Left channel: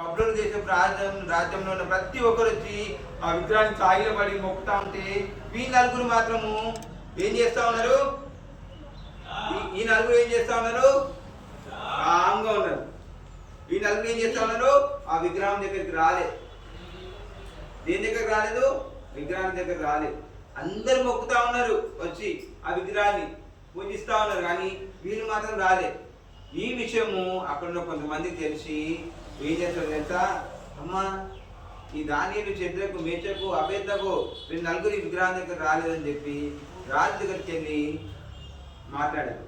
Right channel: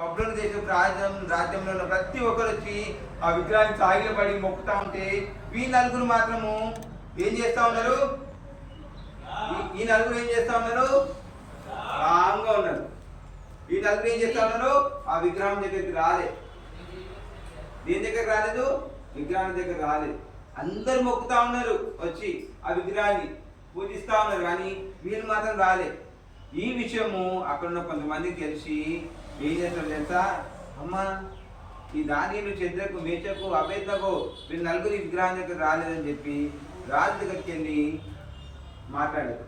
బబులోను దేశపు రాజ్యంలో ఉన్న ప్రతి ఒక్కరు వచ్చి ఆ విగ్రహాన్ని సాగిలపడి మొక్కుతా ఉంటే ఈ నలుగురు మాత్రము ఏం చేస్తా ఉన్నారు? ఈ నలుగురు ఏం చేస్తా ఉన్నారు? కాంగా ఉన్నారు. ఈ నలుగురు ఏం చేస్తా ఉన్నారు? ఆ విగ్రహం దగ్గరికి రాలేదు. దేని దగ్గర రాలేదు? విగ్రహం దగ్గర రాలేదు. అందరు మొక్కుతా ఉన్నారు, వచ్చి ఆ విగ్రహాన్ని పూజిస్తా ఉన్నారు, కానీ వీళ్ళు మాత్రం రాలేదు. ఈ విషయము అక్కడున్న కొంతమందికి తెలిసి ఏం చేస్తారు తెలుసా? అమ్మా, ఈ దానియేలు, షద్రకు, మేషకు, అబేద్నెగో వీళ్ళు నలుగురి విగ్రహం దగ్గర రాలేదని చెప్పి రాజు దగ్గరికి వెళ్ళి మాట్లాడారు.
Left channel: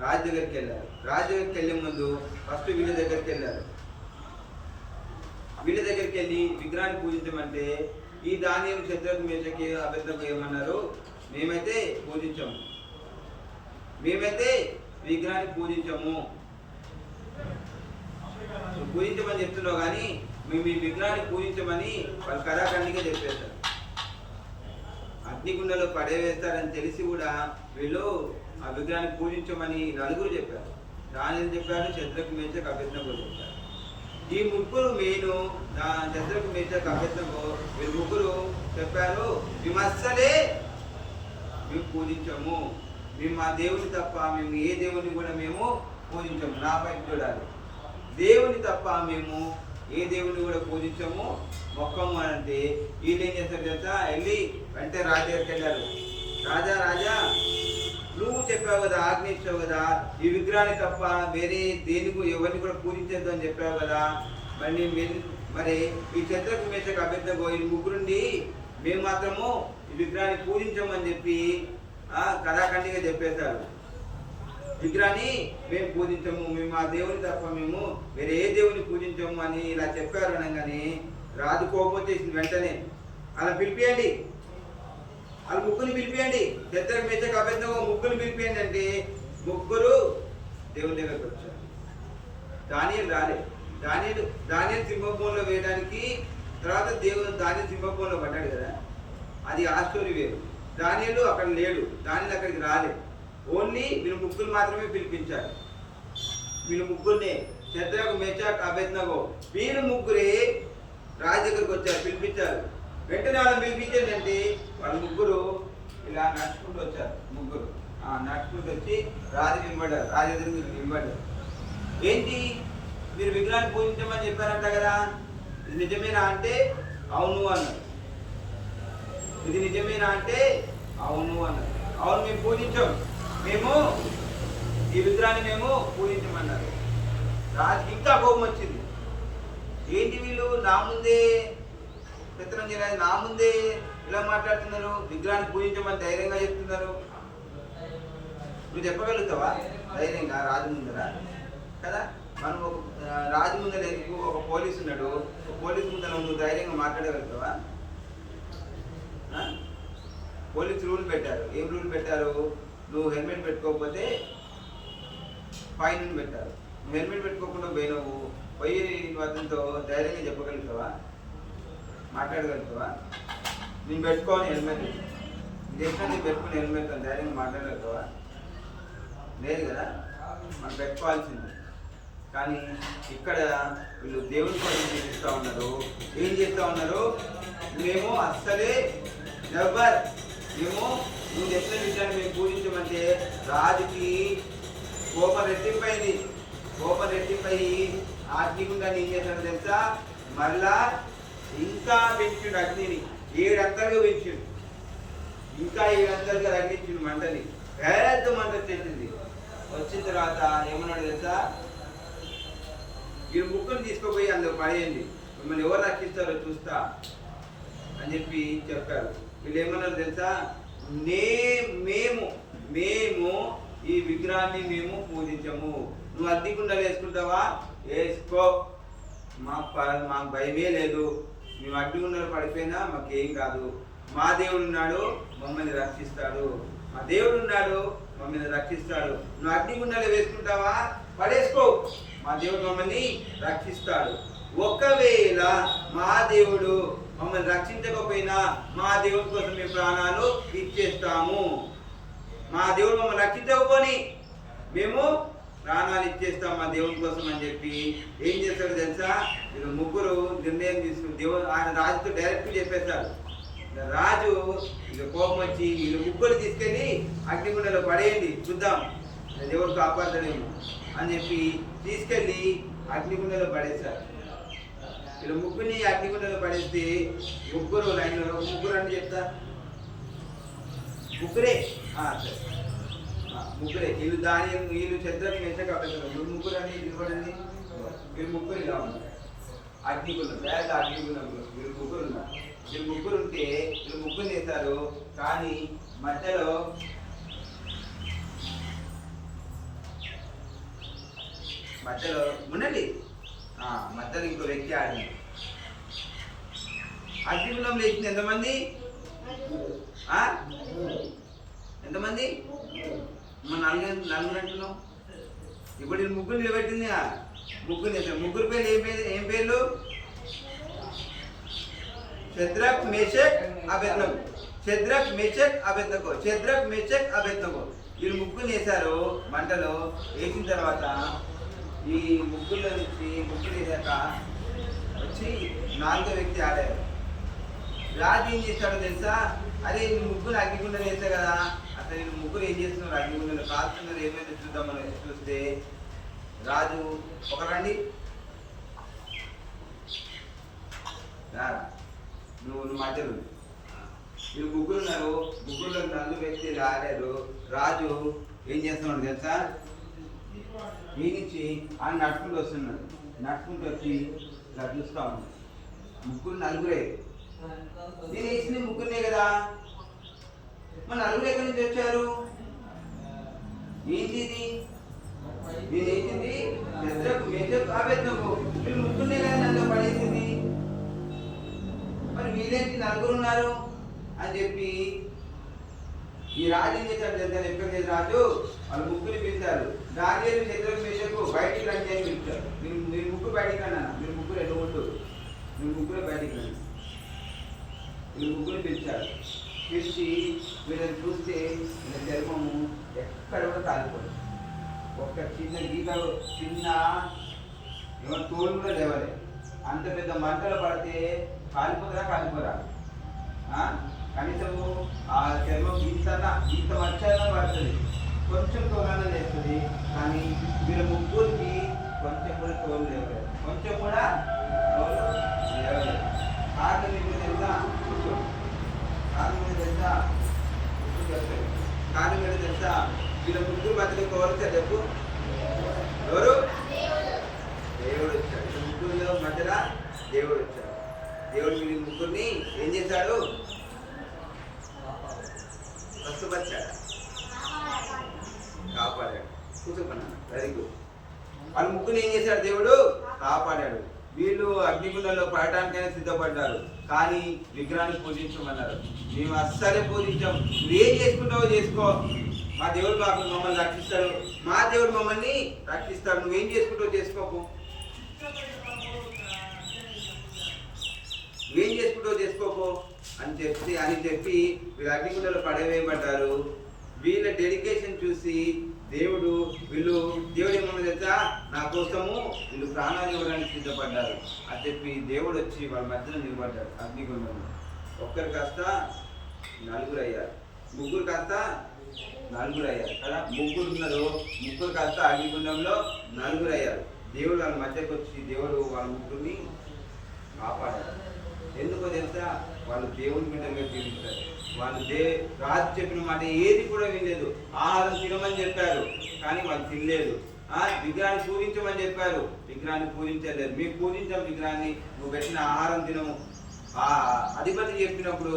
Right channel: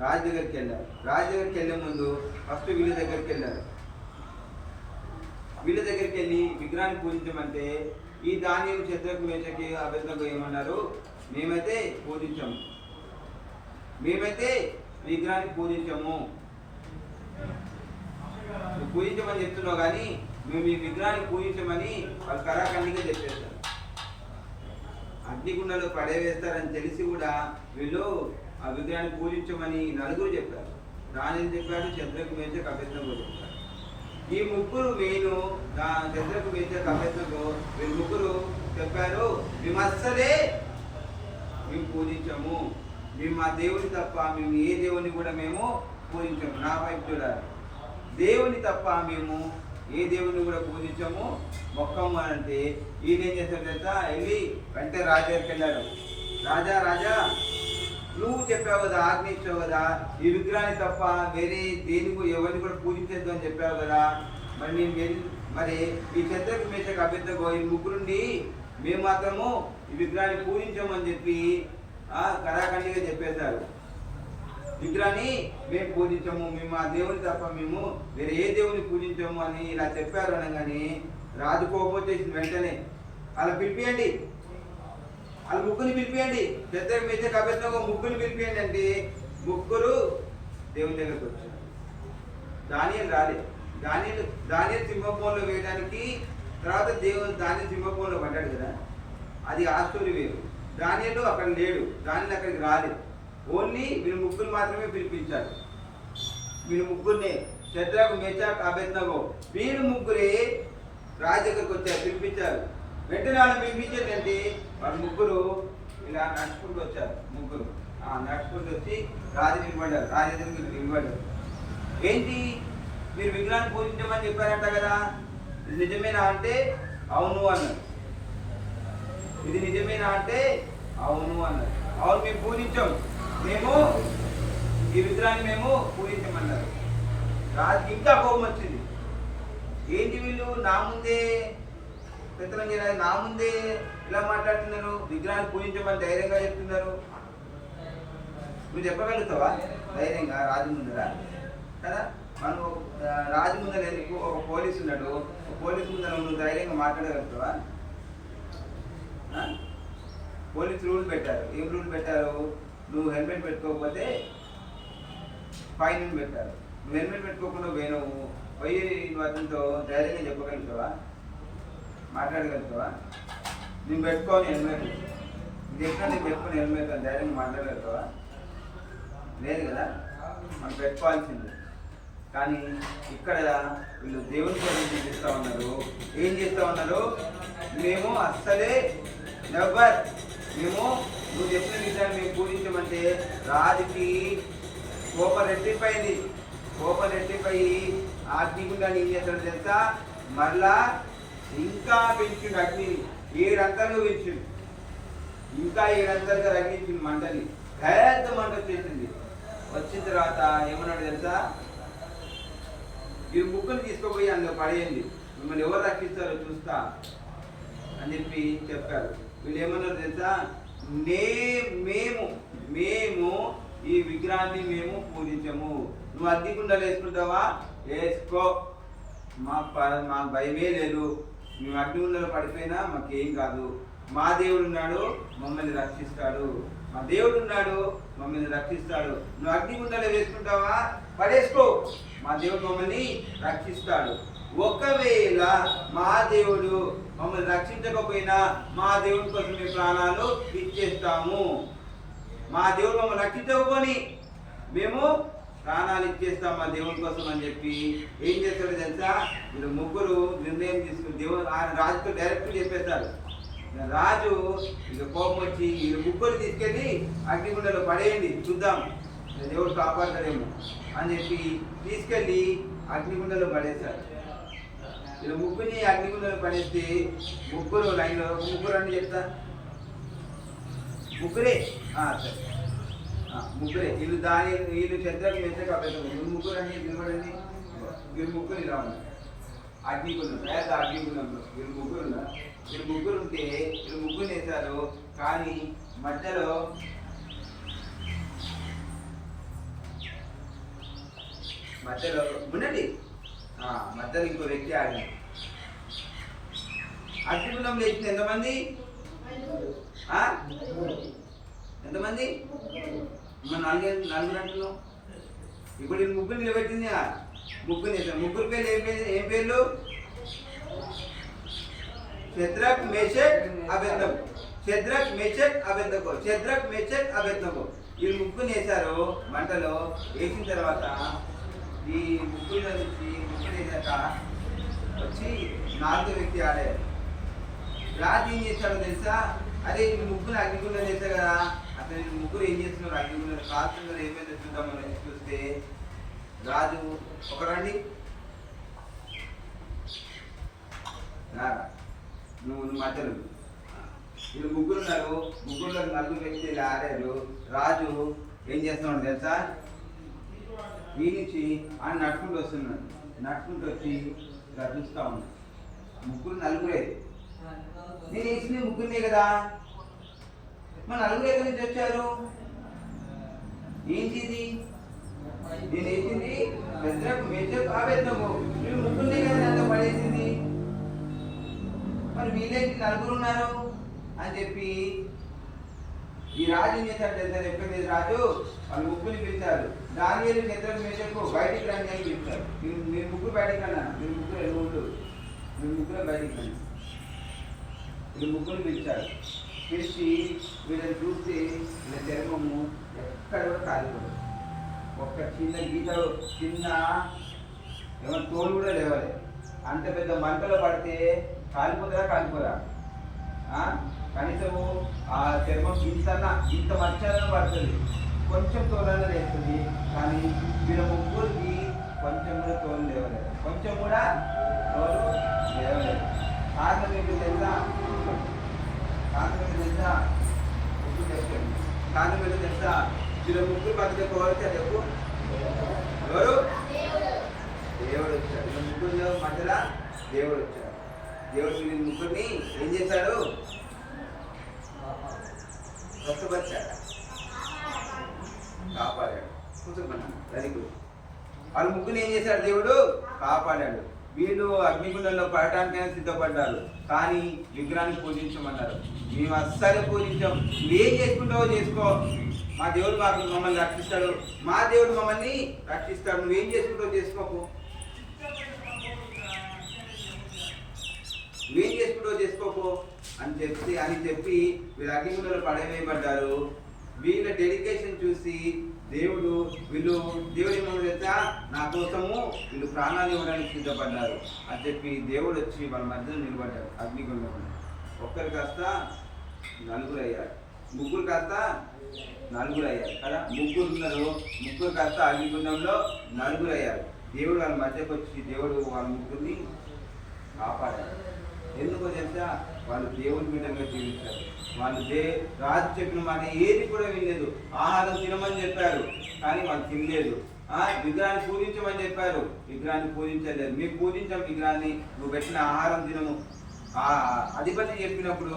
రాజు దగ్గరికి వెళ్ళారు. రాజు దగ్గరికి వెళ్ళే ముందు ఫస్ట్ వీళ్ళ దగ్గరికి వెళ్ళారు. వీళ్ళ దగ్గరికి వెళ్ళి విగ్రహాన్ని పూజించమంటే ఈ దానియేలు, షద్రకు, మేషకి, అబేద్నెగో ఏమన్నారు? మేమైతే పూజించము, మేమైతే విగ్రహాన్ని పూజించము. పూజించమని చెప్తున్నావు, కానీ మేము ఈ విగ్రహాన్ని పూజించమని వాళ్ళు కరాఖండిగా చెప్పేశారు. అగ్నిగుండంలో పడవేస్తారని తెలిసి కూడా వీళ్ళు ఆ విగ్రహాన్ని పూజించమని నలుగురు చెప్పారు. దానిని చెప్పారు, షద్రకు, మేషకు, అబేద్నెగో చెప్పారు. ఈ ముగ్గురు మెయిన్, షద్రకు, మేషకు, అబేద్నెగో వీళ్ళు ముగ్గురు చెప్పారు, మేము అస్సలే మేము పూజించము, మేము మా దేవుని తప్ప మేము ఏ దేవుని కూడా మేము పూజించము. నా వైపు చూడాలి, దేవుని తప్ప మేము ఏ దేవుని కూడా పూజించము, మొక్కము అని అంటే వీళ్ళు ఏం చేస్తారు తెలుసా? వెళ్ళి వెంటనే రాజు దగ్గరికి వెళ్ళారు. రాజా, రాజా, నువ్వు చెప్పావు కదా, ఆజ్ఞ ఇచ్చావు కదా, ఈ విగ్రహాన్ని తప్ప వేరే దేనికి ఎవరిని కూడా పూజించద్దు అని చెప్పావు కదా, మరి నేను మరి ఈ షద్రకు, మేషకు, అబేద్నెగో ఈ ముగ్గురుండి మేము మాత్రము ఈ విగ్రహాన్ని పూజించమని చెప్పి కరాఖండిగా చెప్పేశారు. విగ్రహాన్ని మేము పూజించము, మేము ఆ దేవుని తప్ప మేము వేరే ఏ దేవుని పూజించము అని ఇలా చెప్పారు అనగానే రాజు కోపం వచ్చేసింది. వెంటనే అలా పిలిపియండి, వాళ్ళ ముగ్గురిని పిలిపియండి, షద్రకు, మేషకు, అబేద్నెగో ముగ్గురిని పిలిపియండి అంటే ముగ్గురు దేవుని దగ్గరకు వచ్చారు. దానియేలు రాలేదు. దానియేలు సింహభూమిలో వేయడానికి తర్వాత దానియేలు సింహభూమిలో పడ్డాడు కదా, అది ఆ స్టోరీ వేరు. దానియేలు అక్కడ లేడు, దానియేలు అక్కడికి రాలేదు. ఓన్లీ వీళ్ళు ముగ్గురు మాత్రమే పిలిపించారు. వీళ్ళు ముగ్గురినే, షద్రకు, మేషకు, అబేద్నెగో వీళ్ళు ముగ్గురే రాజు దగ్గరకు వచ్చారు, పిలిపించారు. వెంటనే వాళ్ళని పిలిపించండి అంటే వాళ్ళ ముగ్గురు ఇలా నడుచుకుంటూ వచ్చారు. ముగ్గురు నడుచుకుంటూ వచ్చి రాజు నిలబడ్డారు. రాజు ఎదురు మీరు నిలబడ్డారు. ఏంటి, మీరు విగ్రహాన్ని పూజించమని చెప్పారంట కదా, ఇది నిజమేనా అంటే అవును అన్నారు. ఇది నిజమేనా అంటే అవును అన్నారు. అవును, మేము పూజించాం, మేము ఈ విగ్రహాన్ని మేము పూజించమన్నారు. రాజుకి ఇంకా కోపం వచ్చింది. ఏంటి వీళ్ళు నా ముందే నా ముందే ఇలా మాట్లాడుతున్నారు, విగ్రహాన్ని పూజించమని ధైర్యంగా చెప్తున్నారు. నువ్వు చెప్పగలుగుతావా ధైర్యంగా రాజు ముందర? కదా, మనం రాజు ముందర ఎందుకు, ఒక పోలీసు ఉన్నాడు, ఒక పోలీసు ముందర నువ్వు ధైర్యంగా మాట్లాడగలుగుతావా? పోలీసు రూల్ పెట్టారు. ఏం రూల్ పెట్టారు? నువ్వు హెల్మెట్ పెట్టుకోకపోతే ఫైన్ అని పెట్టారు. నువ్వు హెల్మెట్ పెట్టుకోకుండా పోయి నువ్వు అతనితో ధైర్యంగా చెప్పగలుగుతావా, మాట్లాడగలుగుతావా? నేను పెట్టుకోని హెల్మెట్, చెప్పినా నేను పెట్టుకుని హెల్మెట్ అని ధైర్యంగా మాట్లాడగలుగుతావా? లేదు కదా, మనం పెట్టుకోవాల్సింది. కానీ ఇక్కడ వీళ్ళు దేవుని కోసం చూపిస్తూ ఉన్నారు. ఏం చేస్తూ ఉన్నారు? మేము అస్సలే నెవర్, మేము నువ్వు చెప్పిన విషయాన్ని మేము పూజించమంటే రాజుకి కోపం రెట్టింపైంది. కోపం రెట్టింపై అగ్నిగుండాన్ని ఏం చేస్తాడు తెలుసా? మరలా ఇంకా పెంచుడు అగ్నిని 7 అంతలుగా పెంచుడు. ఇంకా 7 అంతలుగా అగ్నించింది మంటని. పెద్ద మంట వచ్చేసింది. వచ్చిన తర్వాత ఏమన్నాడు తెలుసా? ఈ ముగ్గురు తీసుకుపోయి అందులో పడేయండి, మిమ్మల్ని ఎవరు రక్షిస్తారో చూస్తా అని చెప్పి చెప్పారు. వీళ్ళు ఏమన్నారు తెలుసా? మేము ఈ విగ్రహాన్ని మేము పూజించము. నువ్వు అగ్నిగుండాలు వేసుకుంటావా? వేసుకో, మాకు భయమే లేదు. మేము అగ్నిగుండాలు పడిపోయినా మాకేం కాదు. మా దేవుడు ఉన్నాడు, మమ్మల్ని రక్షిస్తాడు. మా దేవుడు ఉన్నాడు, మమ్మల్ని రక్షిస్తాడు. నువ్వు అగ్నిగుండాలు వేసుకుంటావా? పడేసుకో, మా దేవుడు మమ్మల్ని రక్షిస్తాడు. ఒకవేళ మా దేవుడు మమ్మల్ని రక్షించకపోయినా మా దేవుడి కోసం మేము ప్రాణాలు ఇచ్చేస్తాము. మా దేవుడు మమ్మల్ని రక్షించకపోని మేము ప్రాణాలు ఇచ్చేస్తాం మా దేవుని కోసం అని చెప్పి ఏం చేస్తాడు తెలుసా? వీళ్ళు ముగ్గురు నిర్ణయం తీసుకుని ఆయన రాజుతో డైరెక్ట్ చెప్పేశారు. రాజు ఇక కోపం వచ్చి వీళ్ళు ముగ్గురు తీసుకెళ్ళి అగ్నిగుండంలో పడేయండి, చూద్దాం దేవుడు కాపాడతాడేమో అని చెప్పి తీసుకెళ్ళి అగ్నిగుండంలో పడేశారు. వీళ్ళు ముగ్గురిని అగ్నిగుండంలో పడేస్తే ముగ్గురు లైన్లో ముగ్గురు అని చెప్తా, ముగ్గురే సరే ముగ్గురే వీళ్ళు వీళ్ళు చంద్రకి మెసేజ్ అప్పేస్తారు. వీళ్ళు ముగ్గురు అని నిలబడండి. వీళ్ళు ముగ్గురు ఇలా ఉన్నారు అగ్నిగుండం, పేద అగ్నిగుండంలో వీళ్ళు ముగ్గురు ఉన్నారు. వీళ్ళు ముగ్గురు ఉంటే వీళ్ళు ముగ్గురు వేశారు. కానీ మధ్యలో ఉండండి, మధ్యలో ఇంకో వ్యక్తి ఆడింది. అగ్నిగుండం లేచింది ఎంతమంది? ఎంతమంది? నలుగురు అంటున్నాం. ఇప్పుడు నేను ముగ్గురు నిలబెట్టింది, ముగ్గురు వేసాను. ముగ్గురు పేర్లు ఏం పేర్లు? Shadrach Meshach Abednego. Shadrach Meshach Abednego. Shadrach Meshach Abednego వీళ్ళు ముగ్గురు వేశారు. మంటలో వేసిన తర్వాత ఈ ముగ్గురులో నుంచి ముగ్గురు వేసాక వచ్చి నాలుగో వ్యక్తి ఆడారు. రాజు ఏం చేశాడో తెలుసా? అరే వీళ్ళు ముగ్గురు అగ్నిగుండం వేశారు కదా, అసలు వీళ్ళు ముగ్గురు ఏం చేస్తున్నారు? అగ్నిగుండంలో కాల్చున్నారు, ఏమైతే చూద్దామని చూస్తే రాజు ఒకరండి నువ్వు మధ్యలో వీళ్ళు ముగ్గురు ఉన్నారు. ముగ్గురులో నలుగురు వ్యక్తులు ఆడారు. రాజు ఏం చేస్తున్నాడు తెలుసా? ఈ నుంచి ఆయన నడుచుకుంటూ వస్తున్నాడు. నడుచుకుంటూ వచ్చి ఇలా చూస్తూ ఉన్నాడు. ముగ్గురు నలుగురే. నేను వేసింది ముగ్గురునే కదా, మన నలుగురు ఎక్కడి నుంచి వచ్చారు? ఏంటి ఇది? నేను వేసింది షద్రక్ మేషక్ అబేద్నగో, వీళ్ళు ముగ్గురునే కదా నన్ను పడేసింది, మరి వీళ్ళేంటి నలుగురు ఉన్నారు అని చెప్పి ఈ రాజు ఏం చేశాడు తెలుసా? ఎక్కడ రాజు వాళ్ళు ముగ్గురు పిలిచారు. దానిలో షద్రక్ మేషకు బయటికి రండి అని పిలిచారు. మీరు ముగ్గురు బయటికి రన్నా, మీరు ముగ్గురు ఎలుగుంటు, మీరు ముగ్గురు బయటికి రండి. వీళ్ళు ముగ్గురు పిలిచారు. పిలిచి వీళ్ళని చూస్తే వీళ్ళ చర్మము ఎక్కడ కూడా కాలిపోదు. ఒక్క చిన్న గీత, చిన్న ఏమైనా తోలు కూడా లేవాలి. అంత పెద్ద మంటలు పడితే కాలిపోరా? కనీసం ఆ చర్మం ఇంత మచ్చన్నా పడుతుంది, కొంచెం తోలన్నా లేస్తుంది. కానీ వీళ్ళ ముగ్గురికి కొంచెం కూడా తోలు లేవలేదు, కొంచెం కూడా తోలు లేవలేదు. కారణం మీకు తెలుసా? కారణం ఏంటో తెలుసా? వీళ్ళ ముగ్గురు మధ్యలో కోరితే చెప్పు, ఎవరు? దేవుడు వచ్చాడు. వీళ్ళ ముగ్గురు మధ్యలో దేవుడు వచ్చాడు. దేవుడు వీళ్ళ ముగ్గురిని ఏం చేశాడు? స్వస్థపరిచాడు, కాపాడాడు. కూర్చుకున్నాడు. Very good. వాళ్ళ ముగ్గురిని ఏం చేశాడు? దేవుడు కాపాడాడు. వీళ్ళు అగ్నిగుండంలో పడటానికైనా సిద్ధపడ్డారు. కానీ విగ్రహాన్ని పూజించమన్నారు. మేము అస్సలే పూజించాం. నువ్వేం చేసుకుంటావో చేసుకో, మా దేవుడు మమ్మల్ని రక్షిస్తాడు, మా దేవుడు మమ్మల్ని రక్షిస్తాడు, నువ్వేం చేసుకుంటావో చేసుకోకు, నువ్వేం చేసుకుంటావో చేసుకోకు అని చెప్పి వీళ్ళు అగ్నిగుండంలో పడవేయబడ్డారు. వీళ్ళ డెడికేషన్ చూసి దేవుడు ఏమన్నా తెలుసా? నా కోసము వీళ్ళు ప్రాణాలు ఇవ్వడానికి సిద్ధపడ్డారు అని చెప్పి దేవుడు వచ్చి వాళ్ళ మధ్యలో నిలబడ్డారు. అగ్నిగుండంలో ఒక్కరు కాస్త నలుగురు అయ్యారు, ముగ్గురు కాస్త నలుగురు అయ్యారు కదా. ముగ్గురు కాస్త అగ్నిగుండంలో నలుగురు అయ్యారు. దేవుడు వాళ్ళ మధ్యకు వచ్చి దేవుడు వాళ్ళ ముగ్గురిని కాపాడారు. ఎందుకో తెలుసా? వాళ్ళు దేవుని బిడ్డలుగా జీవిస్తారు. వాళ్ళు రాజు చెప్పిన మాట ఏది కూడా వినలేదు. ఆహారం తినమని చెప్పారు కానీ వాళ్ళు తినలేదు. విగ్రహాన్ని పూజించమని చెప్పారు, విగ్రహాన్ని పూజించలేదు. మేము పూజించాం విగ్రహాన్ని, నువ్వు పెట్టిన ఆహారం తినము. అధిపతి చెప్పినప్పుడు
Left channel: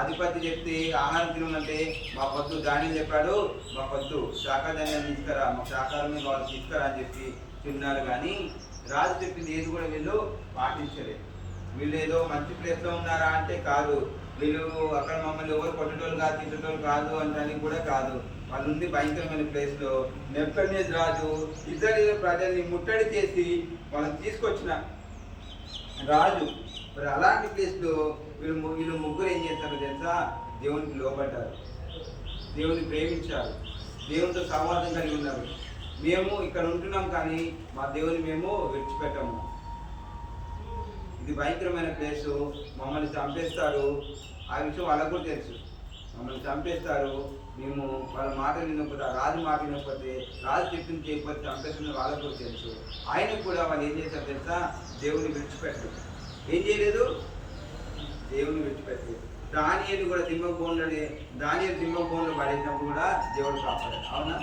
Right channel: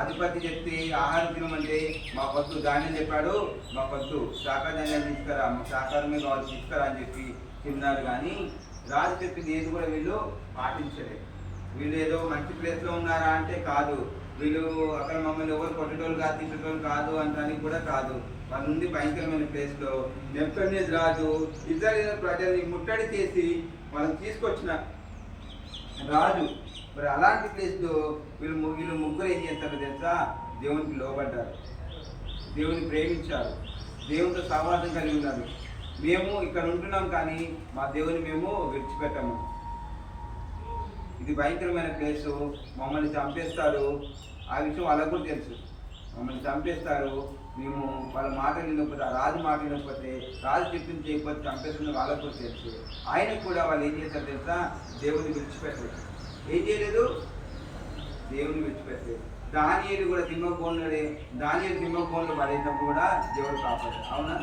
అధిపతి చెప్తే ఆహారం తినమంటే మా పొద్దు ధాన్యం చెప్పాడు, మా పొద్దు శాఖాధాన్యాలు తీసుకురా, మాకు శాఖారమే కావాలి తీసుకురా అని చెప్పి తిన్నారు. కానీ రాజు చెప్పింది ఏది కూడా వీళ్ళు పాటించలేదు. వీళ్ళు ఏదో మంచి ప్లేస్లో ఉన్నారా అంటే కాదు, వీళ్ళు అక్కడ మమ్మల్ని ఎవరు కొట్టేటోళ్ళు కాదు, తిట్టేటోళ్ళు కాదు అనడానికి కూడా కాదు. వాళ్ళు ఉంది భయంకరమైన ప్లేస్లో. నెబుకద్నెజరు రాజు ఇశ్రాయేలు ప్రజల్ని ముట్టడి చేసి వాళ్ళని తీసుకొచ్చిన రాజు. మరి అలాంటి ప్లేస్లో వీళ్ళు ముగ్గురు ఏం చేస్తారో తెలుసా? దేవునికి లోబడ్డారు, దేవుని ప్రేమించారు, దేవునితో సంవాదం కలిగి ఉన్నారు. మేము ఇక్కడ ఉంటున్నాం కానీ మా దేవుని మేము విడిచిపెట్టము. ఇది భయంకరమైన ప్లేసు, మమ్మల్ని చంపేస్తారు. ఆ విషయం వాళ్ళకు కూడా తెలుసు. మమ్మల్ని చంపేస్తారు, మేము వాళ్ళ మాట వినకపోతే, ఆ రాజు మాట వినకపోతే, రాజు చెప్పింది చేయకపోతే చంపేస్తుంది వాళ్ళకు కూడా తెలుసు. ఆయనకు కూడా వాళ్ళు ఏం చేశారు తెలుసా? దేవుని విడిచిపెట్టలేదు. ఏం చేయలేదు? దేవుని విడిచిపెట్టలేదు. దానియేలు కూడా సింహగోన్లో పడేసినప్పుడు కూడా దేవుడు కాపాడాడు. అవునా?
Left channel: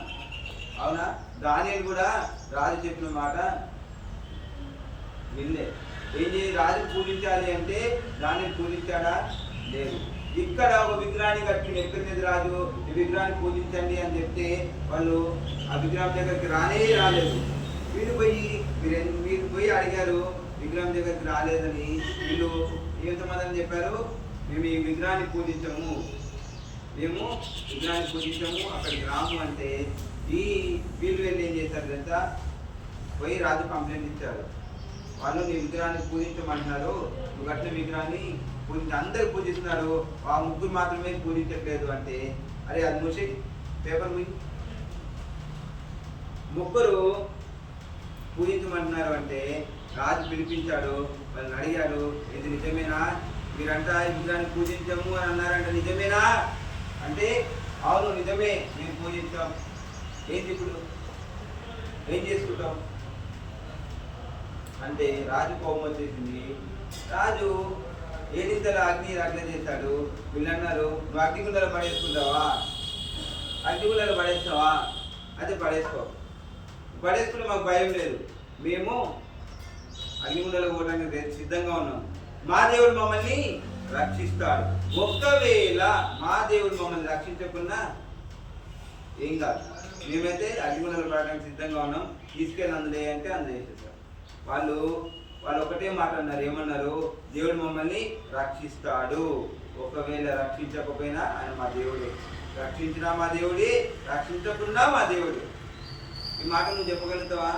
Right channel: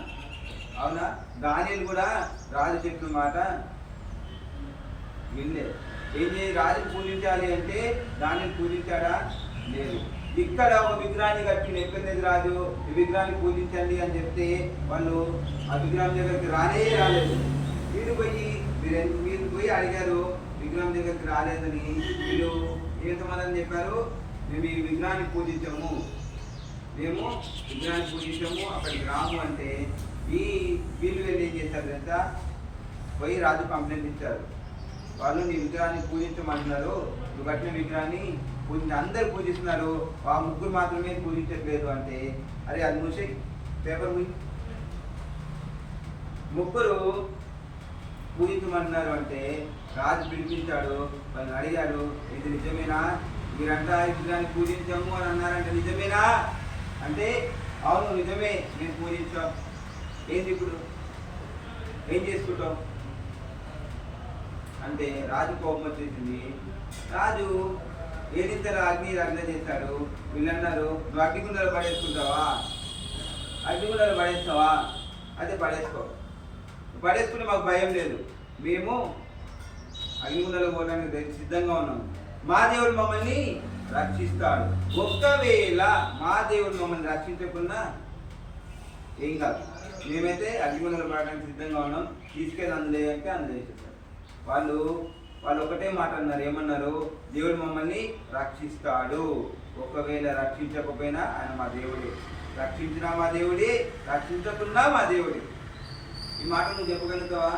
అవునా? దానియేలు కూడా రాజు చెప్పిన మాట వినలేదు. ఏం చేయాలి? రాజుని పూజించాలి అంటే దానిని పూజించాడా? లేదు. ఇక్కడ ఒక విగ్రహాన్ని కట్టి నెప్పేది రాజు, ఈ విగ్రహాన్ని పూజించండి అని చెప్తే వాళ్ళు ఆ విగ్రహం దగ్గరికి రాలేదు. మీరు పోయి అడిగారు, విగ్రహం దగ్గరికి రాలేదని. వీళ్ళు ఏ సమాధానం చెప్పారు? మేము ఈ విగ్రహాన్ని పూజించము, అక్కడికి రాము అంటే వీళ్ళు వెళ్ళి ఏం చేశారు తెలుసా? పోయి రాజు కంప్లైంట్ ఇచ్చారు. వాళ్ళు నీ విగ్రహాన్ని పూజించమంటున్నారు, నువ్వు కట్టిన విగ్రహాన్ని అందరు పూజిస్తున్నారు, ఆ ముగ్గురు మాత్రమే పూజించట్లేదు అంటే, అరే అది మూసే పేపర్ ముగ్గురు పూజించమంటున్నారు అంటే రాజు పిలిపించాడు. వాళ్ళని అడిగాడు, ఇది నిజమేనా? మీరంతా ఈ విగ్రహాన్ని పూజించము అని అన్నారంట, నిజమేనా అంటే అవును నిజమే, మేము పూజించాం. ఏంది ఇప్పుడు ఏం చేసుకుంటాం అంటే రాజు కోపం వచ్చేసింది. రాజు ఏదింతలో అగ్ని చేశాడు. వీళ్ళన్నారు, నువ్వు అగ్నిగుండలో పడేసుకుంటావా? అగ్నిగుండలో పడేస్తావా? అదే పడేసుకుని మాకు భయం లేదు, మేము అగ్నిగుండలో పోవడానికి సిద్ధంగా ఉన్నాం. మా దేవుడు మమ్మల్ని రక్షిస్తాడు. ఒక్కవేళ మా దేవుడు మమ్మల్ని రక్షించకుండా ఏం కాదు, మేమైతే అగ్నిగుండలో పడడానికి సిద్ధంగా ఉన్నాం, తీసుకెళ్ళి అందులో అంటే అందులో వేసేసారు. వాళ్ళు ఒకటే మాట అన్నారు. ఏమన్నారు? దేవుడు మమ్మల్ని రక్షిస్తాడు. ఒకవేళ రక్షించకపోయినా ఆయన మా దేవుడే, రక్షించినా మా దేవుడే, రక్షించకున్నా మా దేవుడే. ఈ మాట నువ్వు చెప్పగలుగుతావా?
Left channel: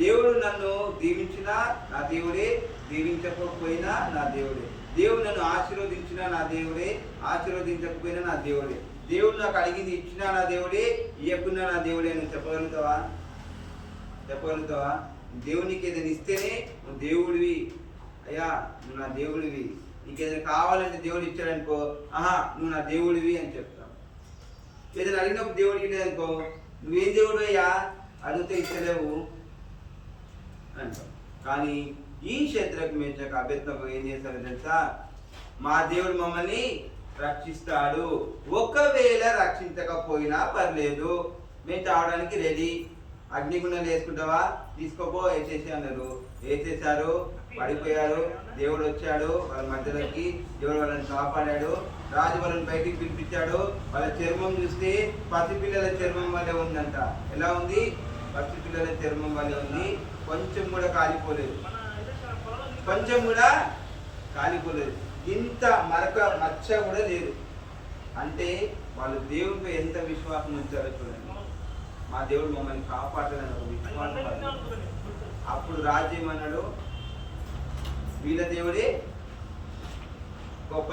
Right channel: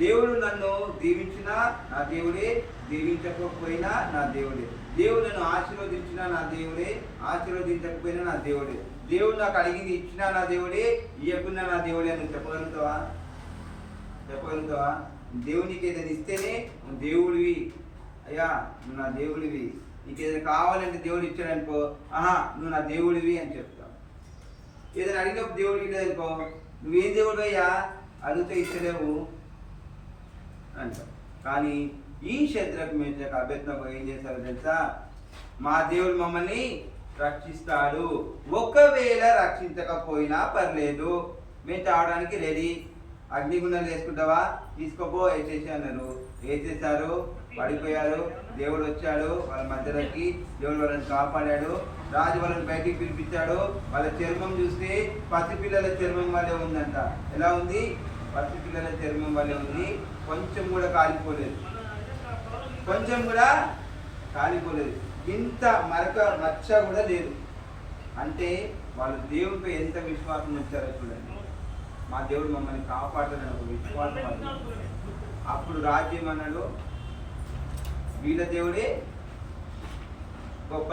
దేవుడు నన్ను దీవించినా నా దేవుడే, దీవించకపోయినా నా దేవుడే. దేవుడు నన్ను ఆశీర్వదించినా నా దేవుడే, ఆశీర్వదించకపోయినా నా దేవుడే. దేవుడు నాకు అడిగింది ఇచ్చినా నా దేవుడే, ఇవ్వకున్నా నా దేవుడే. నువ్వు చెప్పగలుగుతావా? దేవునికి ఏదైనా ఇస్తేనే నువ్వు దేవుడివి, అయ్యా నువ్వు నా దేవుడివి. నీకు ఏదైనా కావాలంటే దేవుడు ఇచ్చాడనుకో, నువ్వు నా దేవుడివి అని చెప్తావు. ఏదైనా అడిగినప్పుడు దేవుడికి లేదనుకో, నువ్వేం దేవుడు అయ్యా, అడిగితే ఇచ్చలేవు అంటావు. కానీ ఈ శద్రకు మేషకు అబేద్నెగో ఏం చేశారో తెలుసా? మా దేవుడు మమ్మల్ని రక్షిస్తాడు, ఒకవేళ రక్షించకపోయినా పర్లేదు, మేము తాగడానికి రెడీ. అగ్నిగుండాలు వేసుకుంటావా? తీసుకోపో, వేసేసి అన్నారు. వేసేసారు, పడిపోయారు. దేవుడు వచ్చాడు వాళ్ళ మధ్యలోకి, దేవుడు వాళ్ళని కాపాడాడు. రాజు వాళ్ళని బయటికి పిలిపించాడు. వాళ్ళ చర్మం చూస్తే పసిపిల్లల చర్మం వల్లే ఉందంట. ఎలా ఉంది? పసిపిల్లల చర్మం వల్లే ఉంది. కొంచెం కూడా కాలిపోలేదు. ఇంత మచ్చ కూడా లేదు. అంటే వాళ్ళు దేవుడిపై ఎంత విశ్వాసం ఉంచారో చూడండి. మా దేవుడు మమ్మల్ని కాపాడుతాడని ఒక విశ్వాసం వాళ్ళు. అప్పుడు రాజు ఏమన్నాడు? వీళ్ళ దేవుడే గొప్ప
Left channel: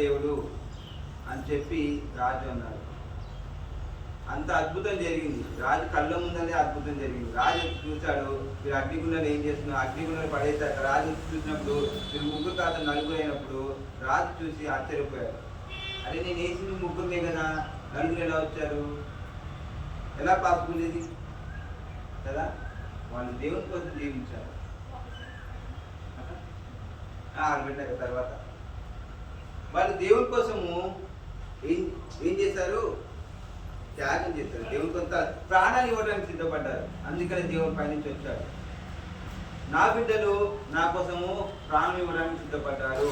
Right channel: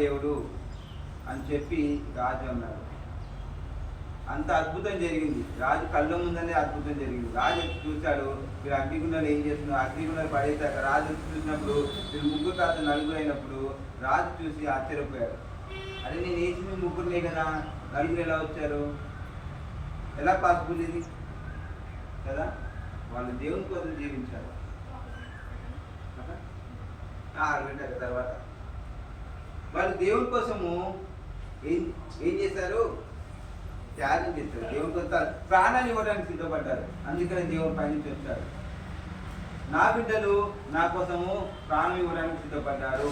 దేవుడు అని చెప్పి రాజు అన్నాడు. అంత అద్భుతం జరిగింది. రాజు కళ్ళ ముందనే అద్భుతం జరిగింది. రాజు చూశాడు, మీరు అగ్నిగుండాలు ఏం చేస్తున్నారు, అగ్నిగుండాలు పడేశాక రాజు చూసినప్పుడు మీరు ముగ్గురు కాదు నలుగురు అయినప్పుడు రాజు చూసి ఆశ్చర్యపోయాడు. అరే నేను వేసింది ముగ్గురునే కదా, నలుగురు ఎలా వచ్చారు? ఎలా పాసిబుల్ ఇది కదా? వాళ్ళు దేవుని కోసం జీవించారు. ఆరబెట్టాక తర్వాత వాళ్ళు దేవుని కోసము ఏం చేశారు? త్యాగం చేశారు. దేవుని కొంత ప్రాణాలు ఇవ్వడానికి సిద్ధపడ్డారు. అందుకని దేవుని పైనుంచి వచ్చారు. నా బిడ్డలు నా కోసము ప్రాణం ఇవ్వడానికి సిద్ధపడ్డారు.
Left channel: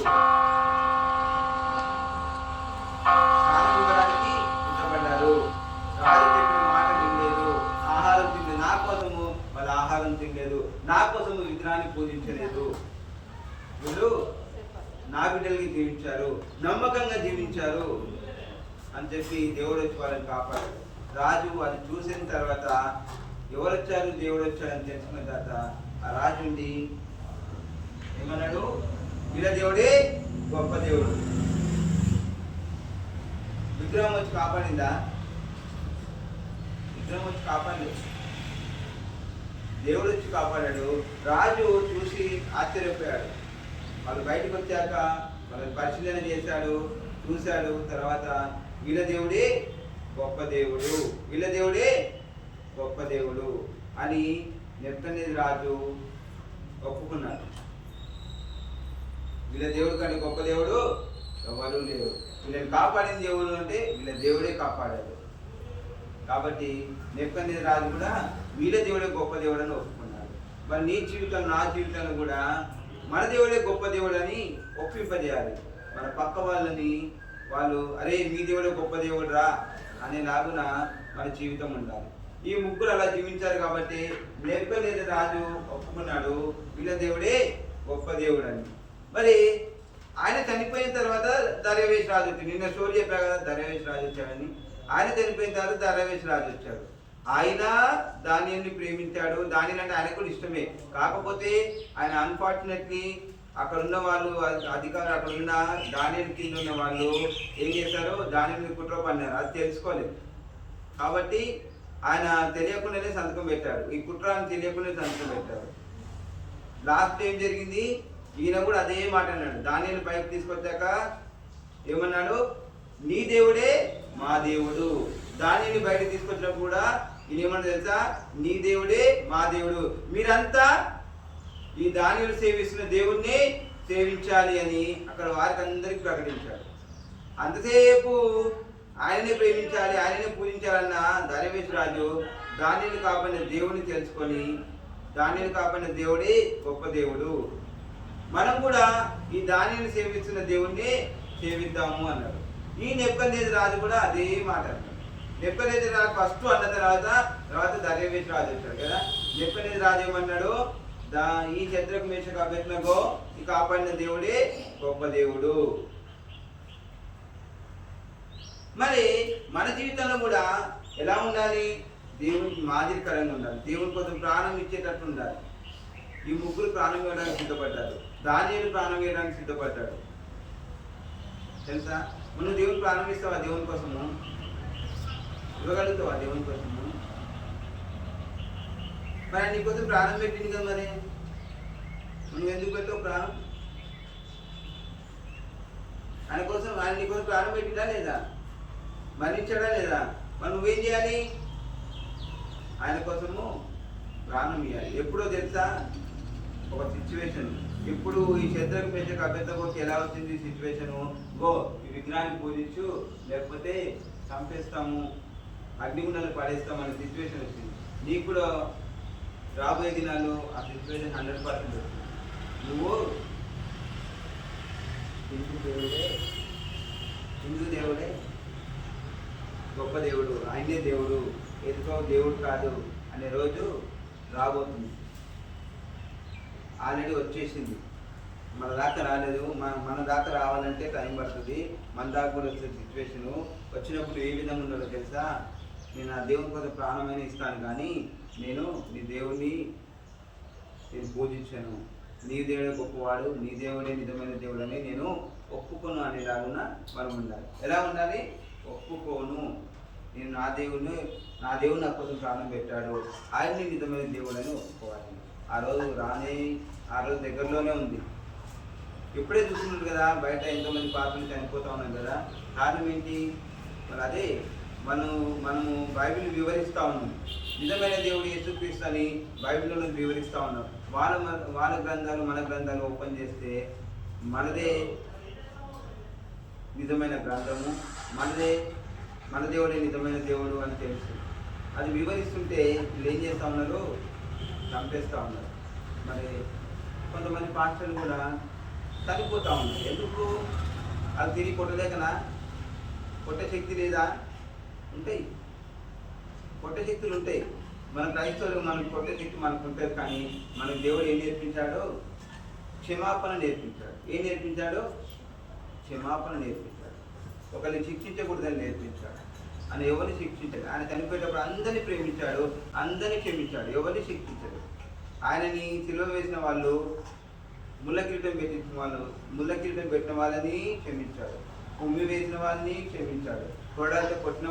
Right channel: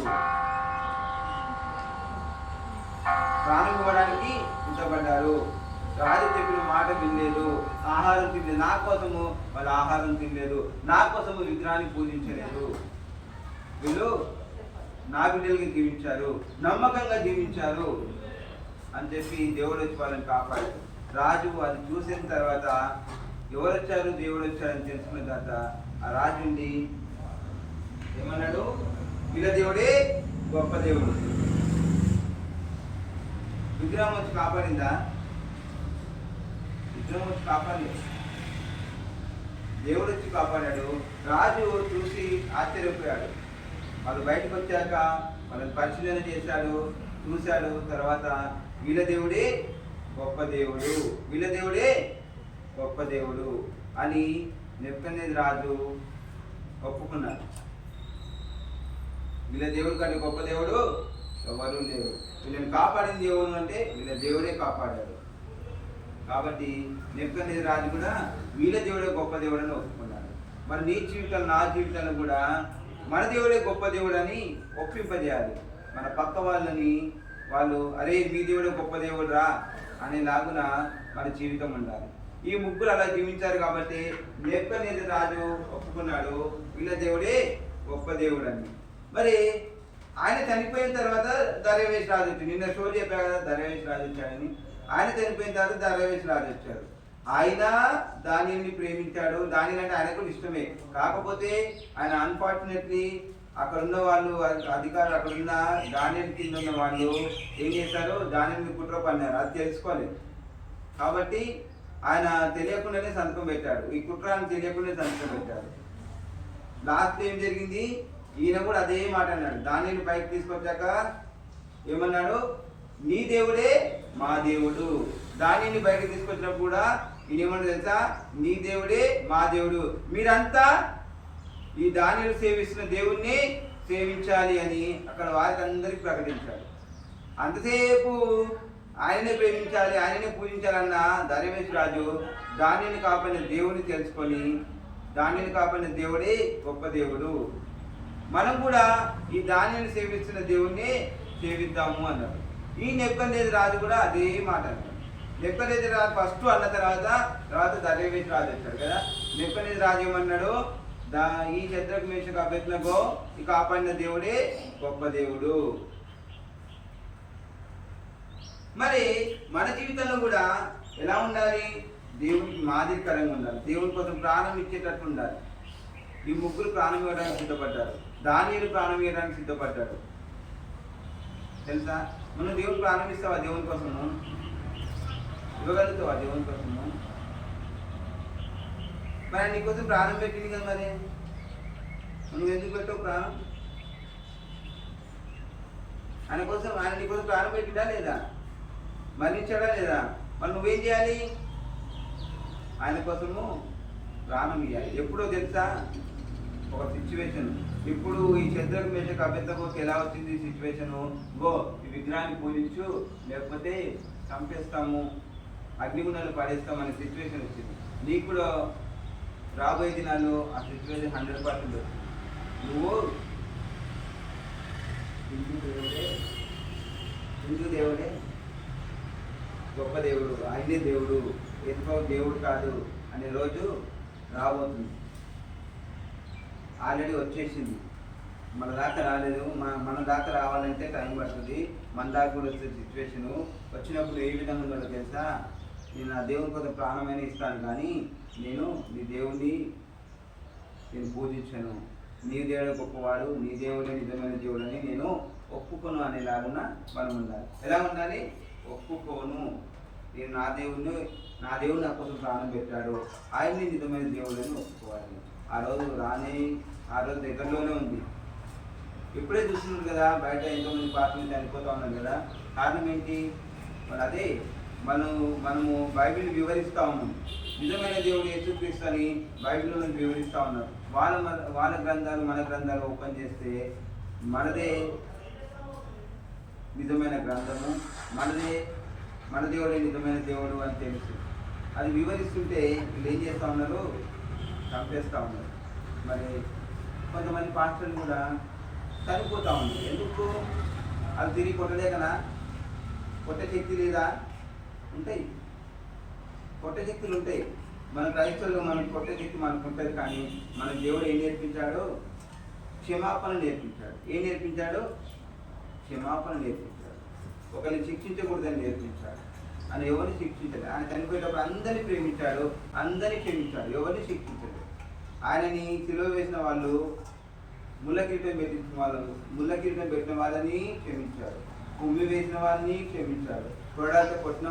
రాజు చెప్పిన మాట తినలేదు, ఆహారం తినలేదు. నా కోసము వాళ్ళ ఆహారం తినలేదు, నా కోసము విగ్రహాన్ని పూజించలేదు. వీళ్ళు నా బిడ్డలకి జీవించారు, నమ్మకంగా జీవించారు అని చెప్పి దేవుడు వచ్చి వాళ్ళని కాపాడు. రాజు అది చూసిన తర్వాత ఎవరు వచ్చారు, దేవుడు వచ్చాడని తెలుసుకున్న తర్వాత ఆ రాజు ఉండి ఏమన్నాడు? వీళ్ళ దేవుడే గొప్ప దేవుడు. విగ్రహం వచ్చి కాపాడిందా? విగ్రహం వచ్చి కాపాడలేదు, దేవుడు వచ్చి కాపాడాడు. రాజు చూసి ఆశ్చర్యపోయాడు. వాళ్ళు బయటకు వచ్చాక వాళ్ళని పరిశీలన చేశాడు, చూశాడు. తర్వాత వీళ్ళ దేవుడే గొప్ప దేవుడు, వీళ్ళ దేవుడే గొప్ప దేవుడు అని నెబుకద్నెజరు ఒప్పుకున్నాడు. వీళ్ళ దేవుడు కంటే గొప్ప దేవుడు ఎవరు లేరు. వీళ్ళని కాపాడిన దేవుడు అంటే వీళ్ళ దేవుడే కాపాడాడు. కాబట్టి నెబుకద్నెజరు కూడా వీళ్ళ దేవుడే గొప్ప దేవుడు అని ఒప్పుకున్నాడు. మరి నీ జీవితంలో నా జీవితంలో కూడా మన దేవుడే గొప్ప దేవుడు అని ఒప్పింపజేయాలి. మన పక్క వాళ్ళని వాళ్ళు అరే మీ దేవుడే గొప్ప దేవుడు రా అనేలాగున మన జీవితం ఉండాలి. ఈ ముగ్గురు అలా జీవించారు కాబట్టి నెబుకద్నెజరు ఒప్పుకున్నాడు వీళ్ళ దేవుడే గొప్ప దేవుడు అని. మరి ఆయన చనిపోయిన తర్వాత దర్యావేషు రాజు వచ్చాడు. నిన్న స్టోరీ చెప్పారు కదా, దర్యావేషు రాజు వచ్చాడని. ఆయన చనిపోయిన తర్వాత దర్యావేషు రాజు వచ్చాడు. ఆయన దానియేలుని ప్రేమించాడు. దానియేలు అంటే ఆయనకు కూడా ఇష్టమే. కాకపోతే ఆయన అన్ఫార్చునేట్లీ అక్కడ ఉన్న వాళ్ళు అధికారులు, అక్కడ ఉన్న దానియేలు కింద ఉన్న వాళ్ళు ఏం చేశారు, దానియేలుని కుట్ర పన్నారు. అది తెలుసుకోలేదు కాబట్టి ఆయన తెలియకుండానే సంతకం పెట్టాడు. ఈ కుట్రాన్ని తెలియకుండానే సంతకం పెట్టాడు. లాస్ట్ ఏం జరిగింది, ఈయన కూడా అదే మాట అన్నాడు. దానియేలుని పైకి తీసుకొచ్చాక ఏమన్నాడు, నీ దేవుడే మా దేవుడు. దానియేలుని బయటకు తీసుకొచ్చినప్పుడు కూడా ఈయన ఏమన్నా తెలుసా, నీ దేవుడే మా దేవుడు, మీరంతా ఈ దానియేలు సేవిస్తున్న దేవుణ్ణి సేవించాలి అని అక్కడ వారికి అందరికి ప్రకటించాడు. అంతసేపు ఆయననే ప్రేమించాలి, ఆయననే పూజించాలన్న దర్యావేషు రాజు దానియేలుని కాపాడిన దేవుని తెలుసుకొని దానియేలుని కాపాడిన దేవుడే గొప్ప దేవుడు, మనం కూడా ఈ దానియేలుని సేవిస్తున్న దేవుణ్ణి సేవిద్దాము అన్నాడు. ఈ నెబుకద్నెజరు కూడా అదే మాట అన్నాడు. నెబుకద్నెజరు ఫస్ట్ అన్న తర్వాత దర్యావేషు రాజు వచ్చాడు కదా. నెబుకద్నెజరు ఏమన్నాడు, ఈ శద్రకు మేషకు అబేద్నెగో ఈ కాపాడిన దేవుడే గొప్ప దేవుడు. మరి మన జీవితంలో కూడా ఎలా ఉండాలి, దేవునికి మాదిరికరంగా ఉండాలి, దేవుని కోసం ప్రాణం ఇచ్చేటట్టు ఉండాలి. ఈ ముగ్గురు ప్రాణం ఇవ్వడానికి సిద్ధపడ్డారు. దానియేలు ప్రాణం ఇవ్వడానికి సిద్ధపడ్డాడు. తెలుసా, మనం దేవుని ప్రాణం ఇస్తావా? దేవుని కోసము ఇవ్వగలుగుతావా? దేవుని కోసము మరి నీకోసం ప్రాణం పెట్టింది కదా. మరి నువ్వు ఎందుకు పెట్టావు ప్రాణం? ఆయన కోసం, ఆయన నీకోసం ప్రాణం పెట్టిందా లేదా? మరణించాడా లేదా? మరి నువ్వేం చేయాలి? ఆయన కోసము ప్రాణం ఇవ్వాలి. ఎప్పుడో తెలుసా, ఒక సిచ్యువేషన్. ఇప్పుడు ఈ శద్రకు మేషకు అబేద్నెగోకి ఎలా వచ్చింది ఈ సిచ్యువేషను, గో ఈ విగ్రహాన్ని పూజించు లేకపోతే చంపేస్తాము, అగ్నిగుండాలు పడేస్తాం అనే సిచ్యువేషన్ వచ్చింది. నీకు కూడా రాబోయే దినాల్లో ఆ సిచ్యువేషన్ 100% వస్తుంది. నువ్వు హిందూ దేవుడే గొప్ప దేవుడు, ఆయనే దేవుడు, ఎదుకో దేవుడు కాదు అనే రోజు రాబోతుంది. ఆల్రెడీ వచ్చేసింది, మన దాకా రాలేదు. మన దాకా రావాలంటే టైం పడుతుంది. మన దాకా కూడా వచ్చే సిచ్యువేషను వచ్చినప్పుడు ఏ విధంగా ఉండాలో తెలుసా, నేను ఆ దేవుని కోసం ప్రాణమైన ఇస్తాను కానీ నేను నీ దేవుడిని నేను పూజించాను, నీ దేవుడే గొప్పవాడు, నీ దేవుడే నిజమైన దేవుడు అని నేను ఒప్పుకోను అనేలాగున మనం ఉండాలి. ఎలా ఉండాలి? ఒప్పుకోను, నేను నా దేవుడు నా కోసం ప్రాణం పెట్టాడు, ఆయన్ని నిజమైన దేవుడు అని ఒప్పుకోవాలి. ఆ రోజు దగ్గరలోనే ఉంది. ఇప్పుడే చూస్తున్నారు కదా, బయట ఎంతోమంది పాత్రలు చనిపోతూ ఉన్నారు కదా. కారణం ఏంటి? మరి అదే మనము బైబిల్ వివరిస్తూ ఉన్నాం. నిజమైన దేవుడు యేసుక్రీస్తు అని బైబిల్లో వివరిస్తూ ఉన్నారు. వాళ్ళ గ్రంథాలు మన గ్రంథాలు ఓపెన్ చేస్తే మనదే నిజమైన గ్రంథము, మన దేవుడే నిజమైన దేవుడు అని తెలుసు. అది వివరిస్తుంటే వీళ్ళు ఏం చేస్తూ ఉన్నారు, చంపేస్తూ ఉన్నారు. మరి కొంతమంది పాస్టర్లు కూడా చనిపోతూ ఉన్నారు. ఎందుకు? అది తిరిగి కొట్టలేకనా? కొట్టే శక్తి లేదా? ఉంటాయి, కొట్టే శక్తులు ఉంటాయి. మన క్రైస్తవులు మనకు కొట్టే శక్తి మనకు ఉంటుంది. కానీ మన దేవుడు ఏం నేర్పించాడు? క్షమాపణ నేర్పించాడు. ఏం నేర్పించాడు? క్షమాపణ నేర్పించాడు. ఒకరిని శిక్షించకూడదని నేర్పించాడు. ఆయన ఎవరిని శిక్షించాడు? ఆయన చనిపోయేటప్పుడు అందరినీ ప్రేమించాడు, అందరినీ క్షమించాడు, ఎవరిని శిక్షించాడు. ఆయనని సిలువ వేసిన వాళ్ళు, ముళ్ళ కిరీటం పెట్టిన వాళ్ళని క్షమించాడు, ఉమ్మి వేసిన వాళ్ళని క్షమించాడు, కొరడాలతో కొట్టిన